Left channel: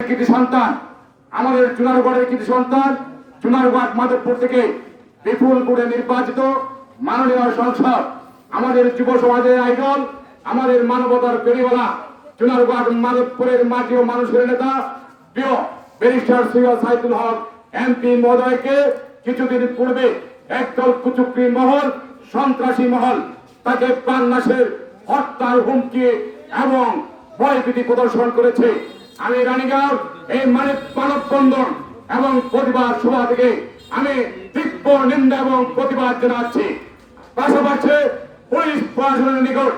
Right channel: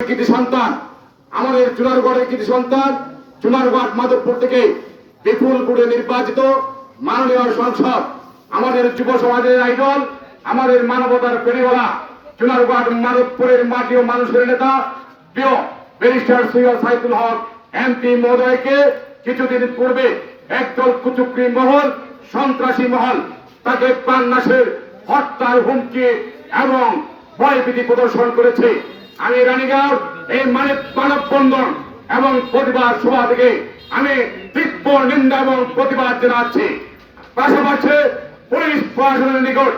কৃতি সন্তান, আমাদের চুনারগড়ের কৃতি সন্তান, চুনারগড় মাধবপুর থেকে বিপুল ভোটে নির্বাচিত মাননীয় সংসদ, আমাদের যুব সমাজের আইডল, আমাদের মানবতার পেরিওয়ালা, চুনারগড় মাধবপুরের মাটি ও মানুষের নেতা প্রিয় ব্যারিস্টার সৈয়দ সাইদুল হক এমপি মহোদয়কে কিছুদিন পূর্বে একদল কুচক্রী মহল, সন্ত্রাসী মহল তাকে প্রাণনাশের, হত্যার হুমকি এবং ভয়ভীতি প্রদর্শন করেছে। আমি রানীগাঁও এই মানববন্ধন এবং প্রতিবাদ সভা থেকে আমি তীব্র নিন্দা এবং প্রতিবাদ জানাচ্ছি। পাশাপাশি পুলিশ প্রশাসনের নিকট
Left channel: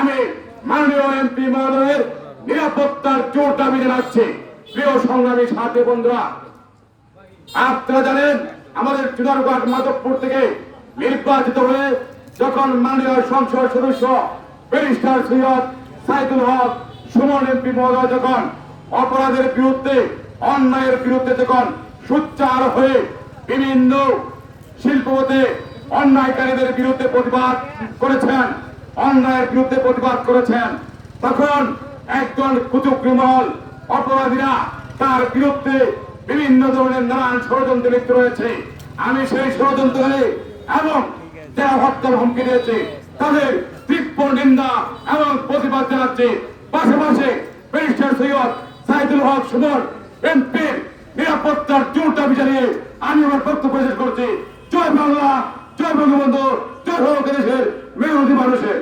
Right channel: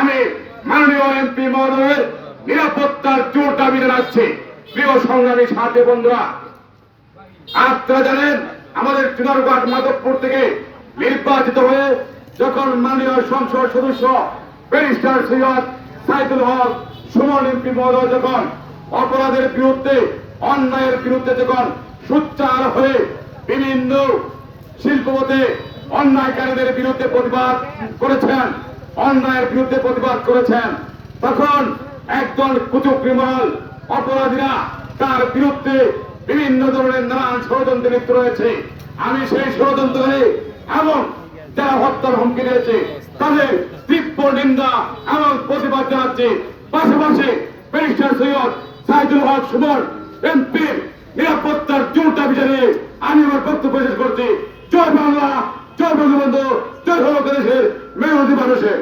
আমি মাননীয় এমপি মহোদয়ের নিরাপত্তার জোর দাবি জানাচ্ছি। প্রিয় সংগ্রামী সাথী বন্ধুরা, আপনারা জানেন আমাদের চুনারগড় মাধবপুর থেকে নির্বাচিত হয়ে যখন মাননীয় সংসদ সদস্য ব্যারিস্টার সৈয়দ সাইদুল হক সুমন এমপি মহোদয় যখন অপরাধের বিরুদ্ধে, অন্যায়ের বিরুদ্ধে যখন সোচ্চার হয়ে বিভিন্ন শিল্পপথে অন্যায়কারীদের বিরুদ্ধে প্রতিবাদ করেছেন, অন্যায়ের বিরুদ্ধে প্রতিবাদ করেছেন, তখন একজন কুচক্রী মহল অপরাধীরা তার বিরুদ্ধে বিভিন্ন ধরনের নানান ষড়যন্ত্রে লিপ্ত রয়েছে। আমি সেই ষড়যন্ত্রে এবং যারা হত্যার হুমকি দিয়েছে তাদের তীব্র নিন্দা এবং প্রতিবাদ জানাচ্ছি। পাশাপাশি ব্যারিস্টার সৈয়দ সাইদুল হক সুমন এমপির নিরাপত্তার জোর দাবি জানিয়ে আমি আমার বক্তব্য শেষ করছি। জয় বাংলা, জয় বঙ্গবন্ধু, জয় সর্বদেশের মেরুদী মানুষের।